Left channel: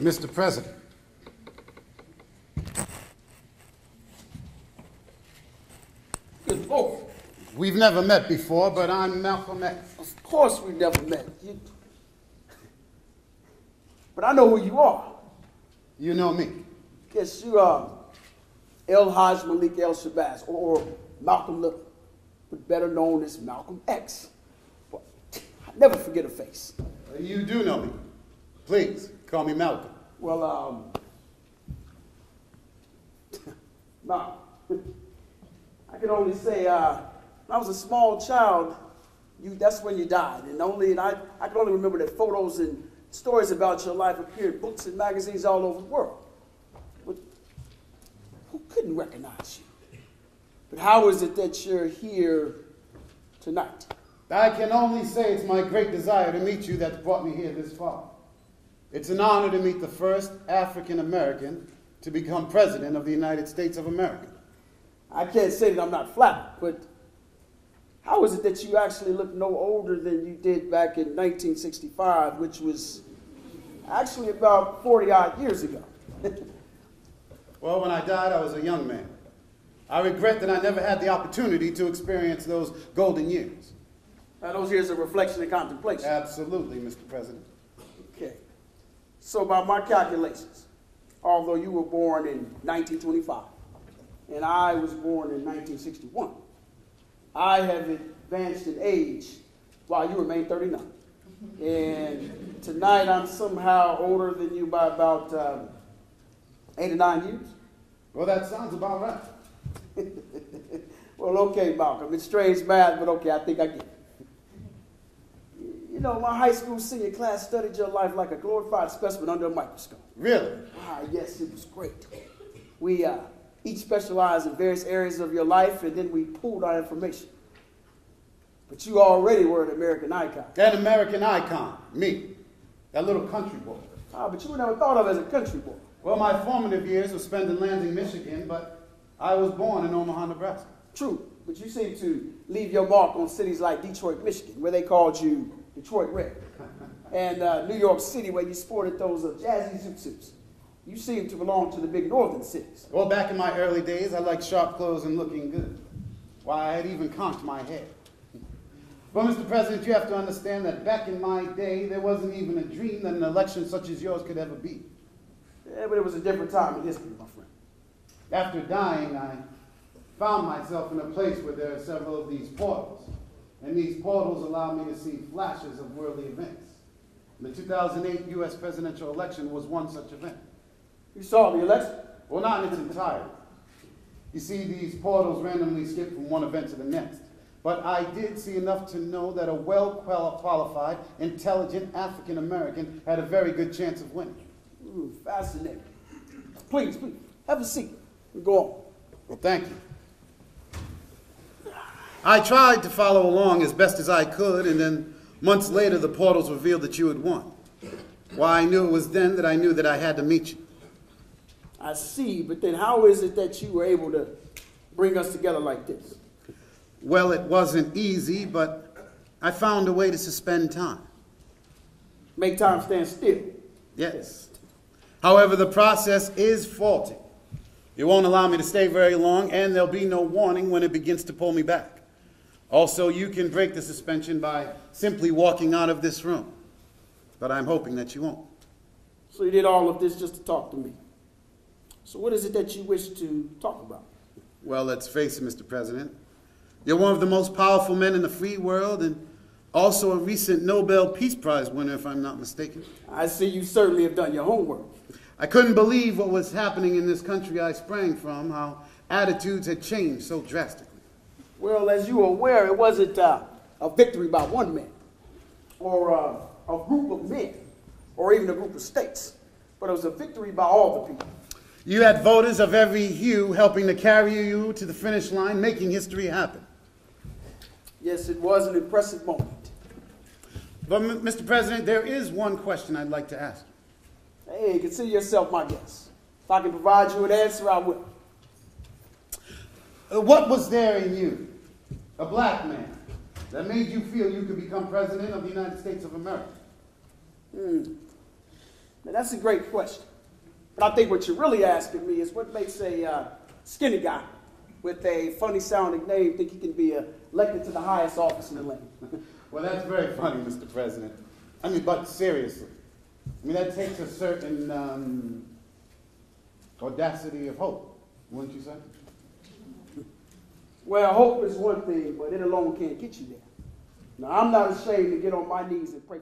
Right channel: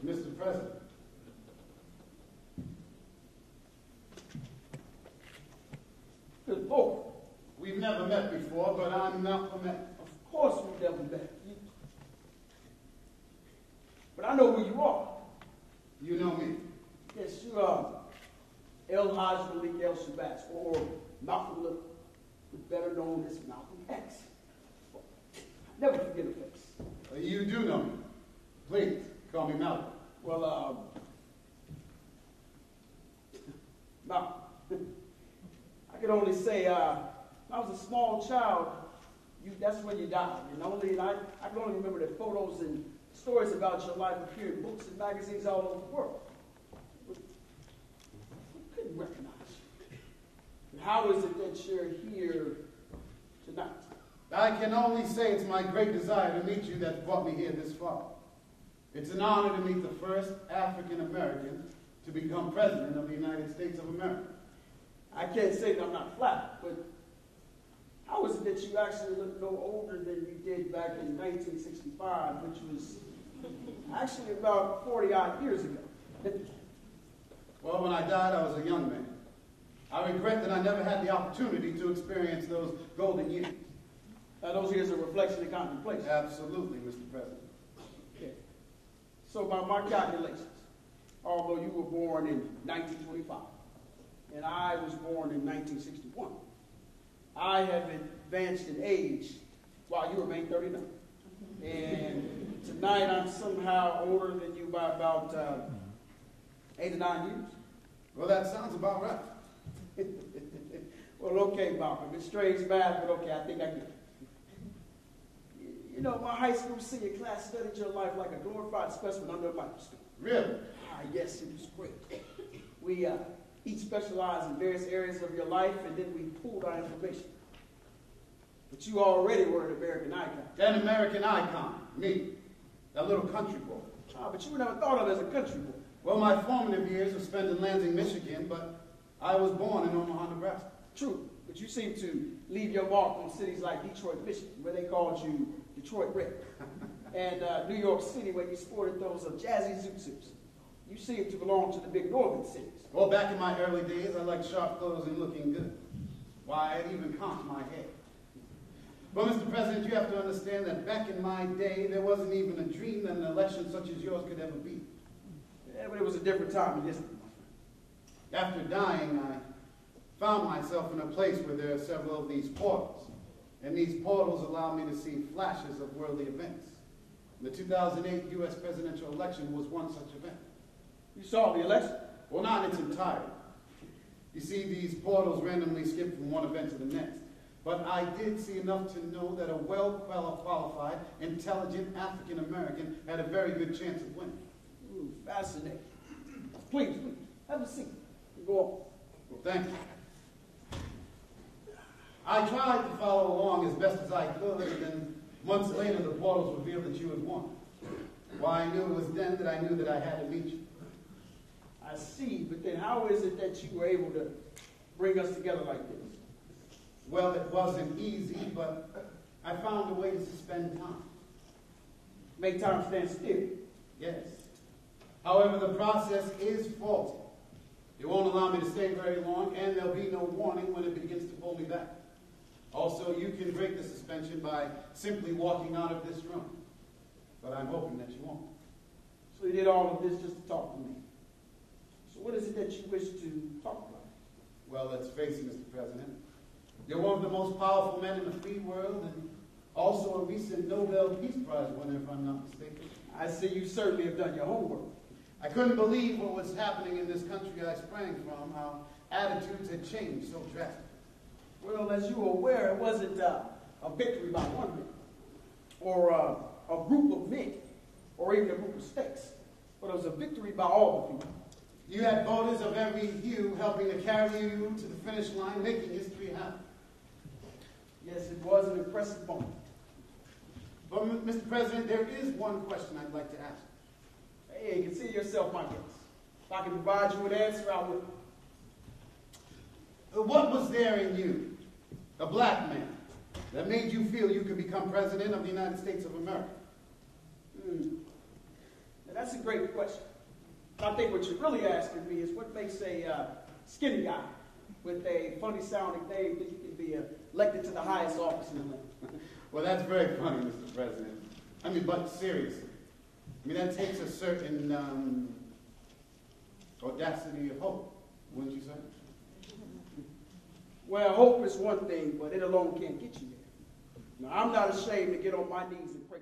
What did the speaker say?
Mr. President. Good Lord. We've never met before, but I'm Malcolm X. Of course we've never met. But I know who you are. You know me. Yes, you are El Haj Malik El Shabazz, or Malcolm Little, but better known as Malcolm X. But I never forget a face. You do know me. Please, call me Malcolm. Well, Malcolm, I can only say, when I was a small child, that's when you died. And I can only remember that photos and stories about your life appeared in books and magazines all over the world. But who couldn't recognize you? But how is it that you're here tonight? I can only say it's my great desire to meet you that's brought me here this far. It's an honor to meet the first African American to become president of the United States of America. I can't say that I'm not flattered, but how is it that you actually look no older than you did back in 1965, which was actually about 40-odd years ago? Well, when I died, I was a young man. I regret that I never had the opportunity to experience those golden years. Those years of reflection and contemplation. Absolutely, Mr. President. Okay. So by my calculations, although you were born in 1925, and I was born in 1961, I have advanced in age while you remain 39. And tonight I'm somehow older than you by about 8 or 9 years. Well, that sounds about right. Well, okay, Malcolm. It's strange math, but okay, I think I get it. You know, my high school senior class studied your life like a glorified specimen under a microscope. Really? Ah, yes, it was great. We each specialized in various areas of your life, and then we pooled our information. But you already were an American icon. An American icon, me, that little country boy. Ah, but you were never thought of as a country boy. Well, my formative years were spent in Lansing, Michigan, but I was born in Omaha, Nebraska. True, but you seem to leave your mark on cities like Detroit, Michigan, where they called you Detroit Red, and New York City, where you sported those jazzy zoot suits. You seem to belong to the big northern cities. Well, back in my early days, I liked sharp clothes and looking good. Why, I had even conked my hair. Well, Mr. President, you have to understand that back in my day, there wasn't even a dream that an election such as yours could ever be. Yeah, but it was a different time in history, my friend. After dying, I found myself in a place where there are several of these portals. And these portals allow me to see flashes of worldly events. The 2008 U.S. presidential election was one such event. You saw the election? Well, not in its entirety. You see, these portals randomly skip from one event to the next. But I did see enough to know that a well-qualified, intelligent African-American had a very good chance of winning. Ooh, fascinating. Please, have a seat and go on. Well, thank you. I tried to follow along as best as I could, and then months later the portals revealed that you had won. Why, I knew it was then that I knew that I had to meet you. I see, but then how is it that you were able to bring us together like this? Well, it wasn't easy, but I found a way to suspend time. Make time stand still? Yes. However, the process is faulty. It won't allow me to stay very long, and there'll be no warning when it begins to pull me back. Also, you can break the suspension by simply walking out of this room. But I'm hoping that you won't. So you did all of this just to talk to me. So what is it that you wish to talk about? Well, let's face it, Mr. President. You're one of the most powerful men in the free world, and also a recent Nobel Peace Prize winner, if I'm not mistaken. I see you certainly have done your homework. I couldn't believe what was happening in this country I sprang from, how attitudes had changed so drastically. Well, as you are aware, it wasn't a victory by one man, or a group of men, or even a group of states, but it was a victory by all the people. You had voters of every hue helping to carry you to the finish line, making history happen. Yes, it was an impressive moment. But, Mr. President, there is one question I'd like to ask. Hey, consider yourself my guest. If I can provide you an answer, I will. What was there in you, a black man, that made you feel you could become president of the United States of America? Now, that's a great question. But I think what you're really asking me is what makes a skinny guy with a funny-sounding name think he can be elected to the highest office in the land? Well, that's very funny, Mr. President. I mean, but seriously. I mean, that takes a certain audacity of hope, wouldn't you say? Well, hope is one thing, but it alone can't get you there. Now, I'm not ashamed to get on my knees and pray